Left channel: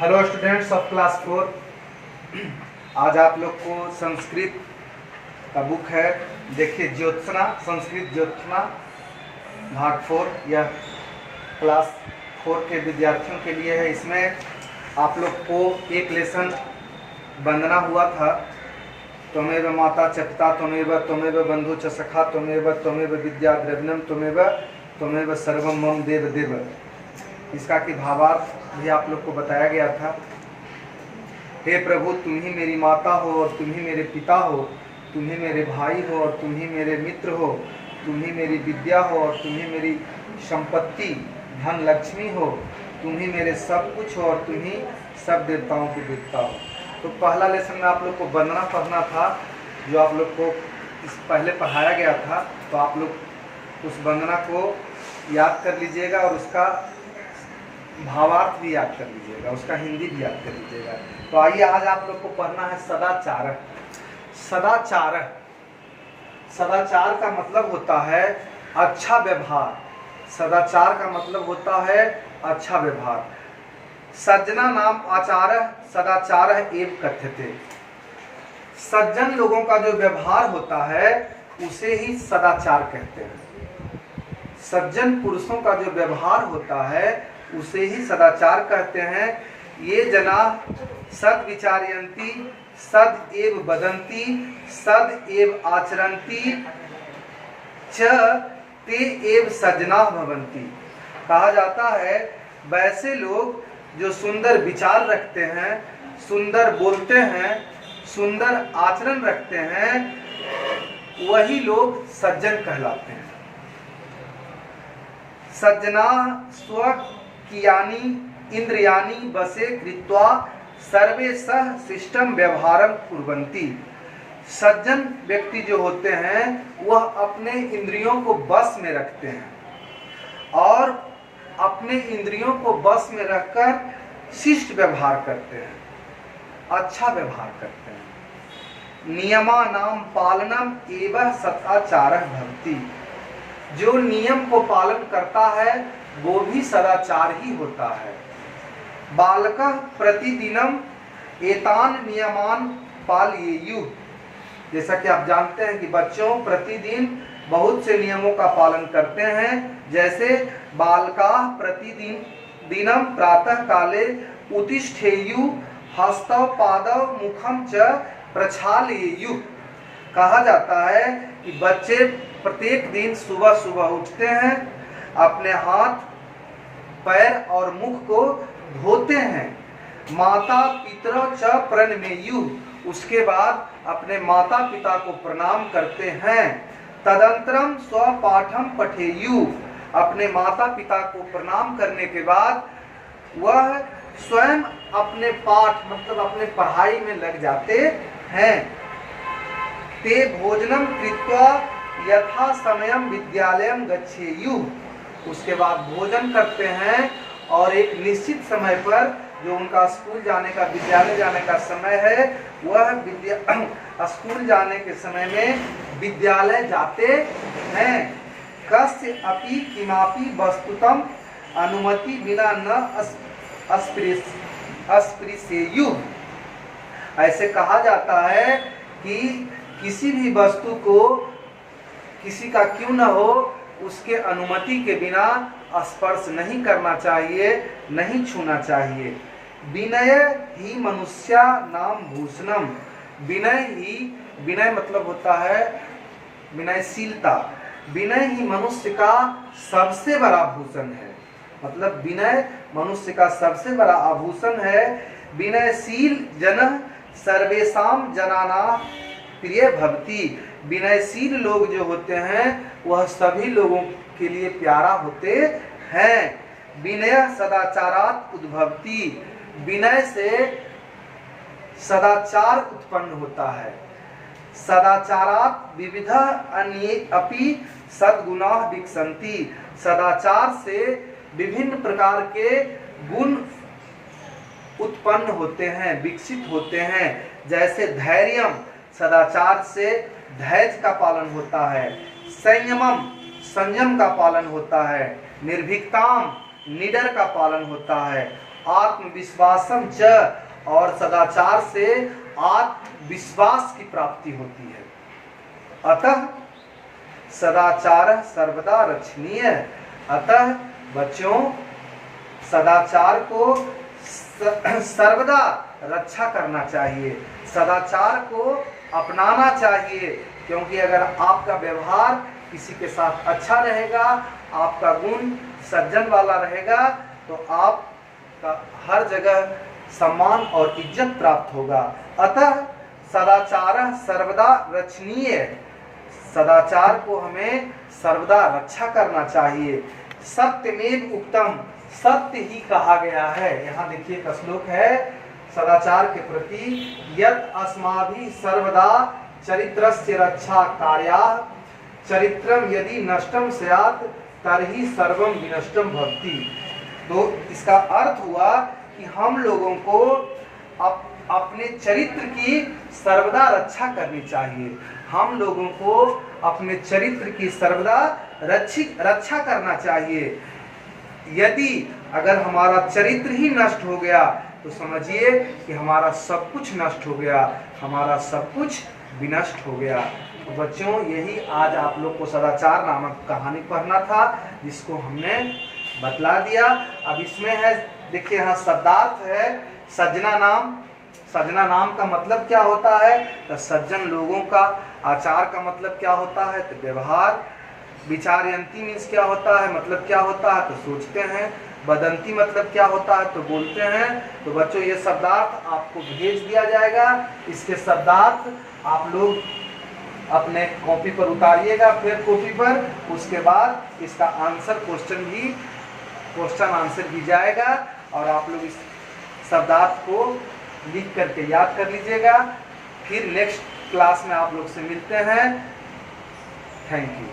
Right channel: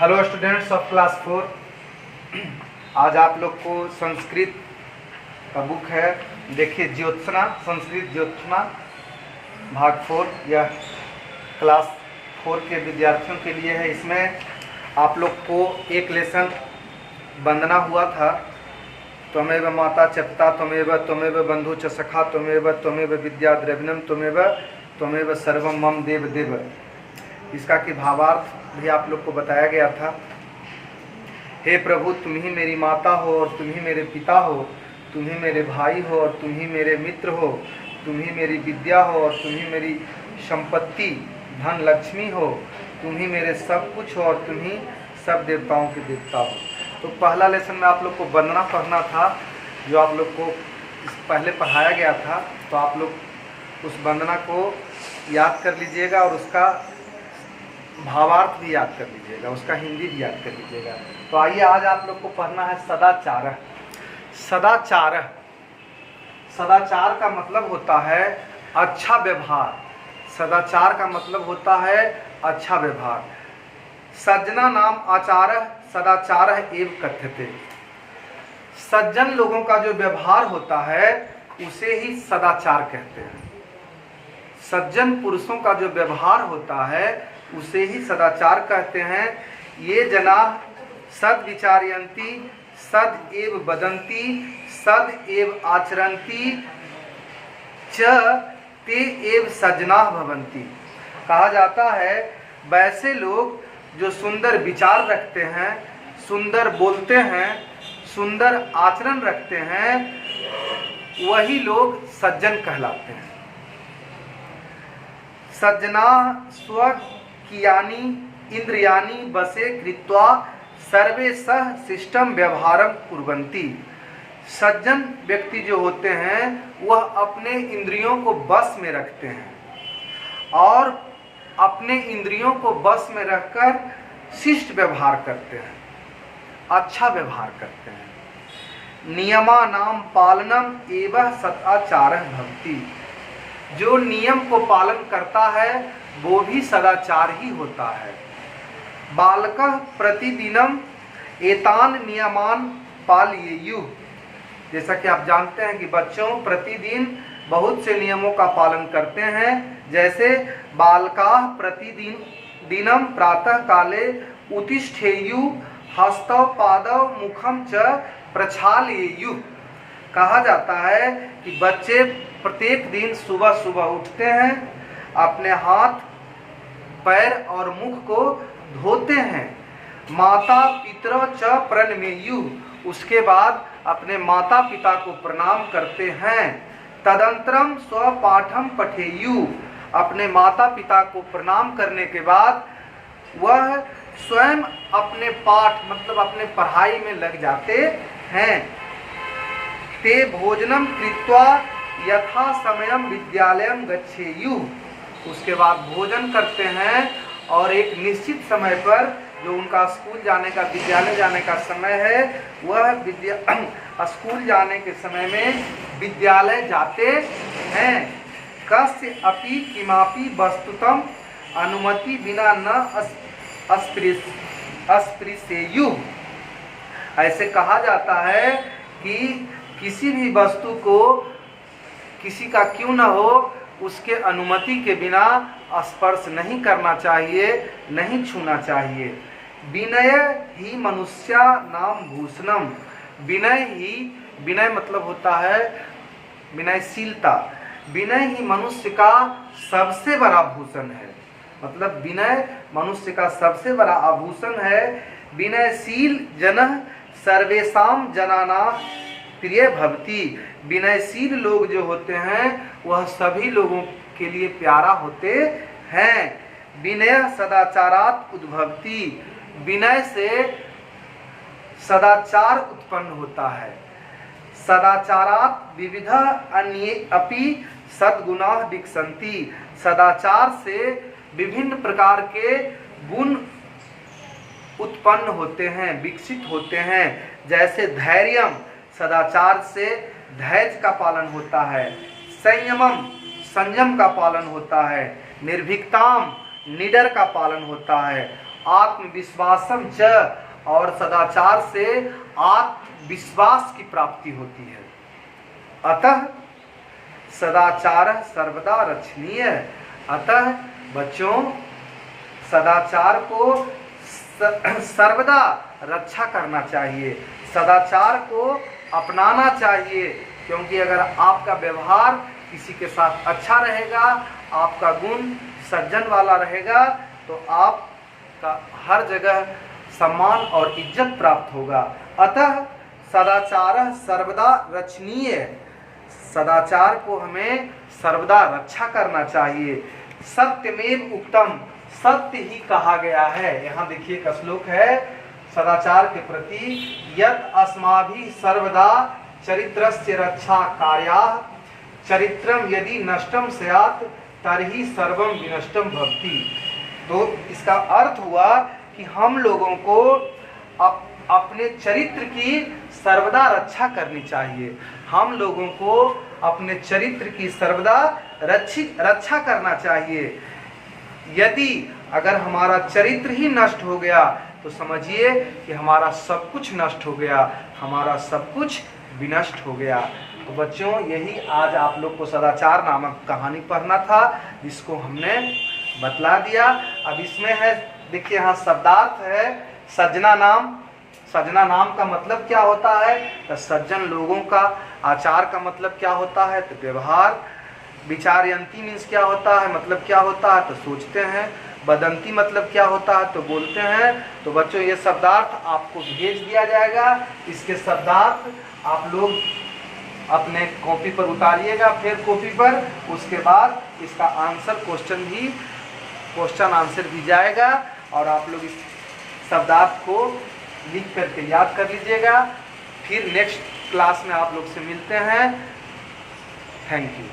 Hello students of class 4। आज आप लोग को संस्कृत का बुक है, देखिए ज्योत्सना, संस्कृत ज्योत्सना भाग 4। यह क्लास 4 के विद्यार्थियों के लिए है। इसमें आप लोग को एक लेसन वंदना हुआ था। त्वमेव माता च पिता त्वमेव बंधु च सखा त्वमेव विद्या द्रविणम त्वमेव सर्वम मम देव देव। इसका कि भावार्थ भी आप लोग को बताया गया था। हे प्रभु, तुम ही मेरी माता हो और तुम ही मेरे पिता हो, तुम ही मेरे भाई हो और तुम ही मेरे मित्र हो, तुम ही मेरी विद्या हो और तुम ही मेरी संपत्ति धन लक्ष्मी हो, तुम ही मेरे सब कुछ हो और तुम ही सब देवताओं के देवता हो। तो पहला लेसन में आप लोग को वंदना पढ़ना था, जो आप लोग को पहले पढ़ाया गया था। तो आप लोग उस वंदना को याद कर लीजिएगा और उसका भावार्थ भी याद कर लीजिएगा, उसका हिंदी भी याद कर लीजिएगा। तो आइए, आज आप लोग को पढ़ना है सदाचार। सदाचार, सदाचार का मतलब होता है अच्छा व्यवहार। सदाचार का मतलब होता है अच्छा व्यवहार। सज्जना नाम आचार सदाचार एवं कथ्यते। सज्जन लोगों का जो व्यवहार होता है उसे ही सदाचार कहते हैं। सज्जन पुरुषों का जो व्यवहार होता है उसे ही सदाचार कहते हैं। ये जना सद विचारयन्ति सद एव वदन्ति सद एव आचरन्ति च ते एव सज्जना भवन्ति। कहा जाता है वैसे लोग जो सुंदर विचार रखते हैं, सुंदर बोलते हैं, सुंदर आचरण रखते हैं, वही लोग सज्जन कहलाते हैं। सज्जना स्व कियानि इंद्रियाणि वशे कृत्वा सर्वे सह शिष्टम व्यवहारम कुर्वन्ति। सज्जन व्यक्ति जो होते हैं वह अपने इंद्रियों को बस में रखते हैं और अपने इंद्रियों को बस में रखकर शिष्ट व्यवहार करते हैं, अच्छा व्यवहार करते हैं। नियमानां पालनम एवं सदाचारः भवति। जो नियम को पालन करता है वो भी सदाचार ही होता है। बालकः प्रतिदिनम एतान नियमान पालयेयुः। जैसा कि आप जानते हैं कि बच्चों प्रतिदिन बहुत से नियमों का पालन करते हैं। जैसे बालकाः प्रतिदिनम प्रातः काले उत्तिष्ठेयुः हस्तौ पादौ मुखम च प्रक्षालयेयुः। कहा जाता है कि बच्चे प्रत्येक दिन सुबह सुबह उठते हैं, अपने हाथ पैर और मुख को धोते हैं। माता पितरौ च प्रणमेयुः। उसके बाद अपने माता पिता को प्रणाम करते हैं। तदंतरम स्वपाठम पठेयुः। अपने माता पिता को प्रणाम करने के बाद वह स्वयं अपने पाठ मतलब अपने पढ़ाई में लग जाते हैं। ते भोजनम कृत्वा यथा समयम विद्यालयम गच्छेयुः। उसके बाद भोजन करते हैं और एक निश्चित समय पर जो उनका स्कूल जाने का, विद्यालय जाने का समय है, वह स्कूल जाने के समय में विद्यालय जाते हैं। कस्य अपि किमापि वस्तुतम अनुमति बिना न अस्पृशेयुः। ऐसे कहा जाता है कि किसी भी वस्तु को किसी का क्यों न हो उसके अनुमति के बिना स्पर्श नहीं करना चाहिए, नहीं छूना चाहिए। विनय ही मनुष्या नाम भूषणम। विनय ही, विनय मतलब होता है विनयशीलता। विनय ही मनुष्य का सबसे बड़ा भूषण है। मतलब विनय मनुष्य का सबसे बड़ा आभूषण है। विनयशील जनः सर्वेषां जनानां प्रिय भवति। विनयशील लोग जो होते हैं वह सभी लोगों के लिए प्यारा होते हैं। विनय सदाचारात् उद्भवति। विनय से सदाचार उत्पन्न होता है। सदाचारात् विविध अन्ये अपि सद्गुणाः विकसन्ति। सदाचार से विभिन्न प्रकार के गुण उत्पन्न होते हैं, विकसित होते हैं। जैसे धैर्यम, सदाचार से धैर्य का पालन होता है। संयमम, संयम का पालन होता है। निर्भीकताम, निडर का पालन होता है। आत्मविश्वासम च, और सदाचार से आत्मविश्वास की प्राप्ति होती है। अतः सदाचार सर्वदा रक्षणीय। अतः बच्चों सदाचार को सर्वदा रक्षा करना चाहिए, सदाचार को अपनाना चाहिए, क्योंकि अगर आपका व्यवहार किसी के साथ अच्छा रहेगा, आपका गुण सज्जन वाला रहेगा, तो आपका हर जगह सम्मान और इज्जत प्राप्त होगा। अतः सदाचार सर्वदा रक्षणीय, सदाचार को हमें सर्वदा रक्षा करना चाहिए। सत्यमेव उक्तम, सत्य ही कहा गया है। यहाँ देखिए एक श्लोक है सदाचार के प्रति, यत् अस्माभिः सर्वदा चरित्रस्य रक्षा कार्या, चरित्रम यदि नष्टम स्यात् तर्हि सर्वम विनष्टम भवति। तो इसका अर्थ हुआ कि हम लोगों को अपने चरित्र की सर्वदा रक्षा करनी चाहिए। हम लोगों को अपने चरित्र की सर्वदा रक्षा करना चाहिए। यदि अगर हमारा चरित्र ही नष्ट हो गया तो समझिए कि हमारा सब कुछ नष्ट हो गया, हमारा सब कुछ विनष्ट हो गया। तो बच्चों यही आज आप लोग को सदाचार नामक कहानी पढ़ना था, जिसको हमने बतला दिया। अब इसमें है देखिए यहाँ शब्दार्थ है सज्जना नाम। सज्जना नाम का मतलब क्या होता है? तो सज्जन लोगों का। आचार का मतलब क्या होता है? तो व्यवहार। विचारयंती मीन्स क्या होता है, मतलब क्या होता है? तो सोचते हैं। बदंती मतलब क्या होता है? तो बोलते हैं। तो बच्चों ये शब्दार्थ आपको भेज दिया जाएगा। इसके शब्दार्थ आप लोग अपने कॉपी पर उतारिएगा, फिर कॉपी पर, उसके बाद इसका आंसर क्वेश्चन आंसर दी जाएगा और आप लोग इस शब्दार्थ को लिख करके याद कर लीजिएगा। फिर नेक्स्ट क्लास में आप लोग से मिलते हैं। Thank you.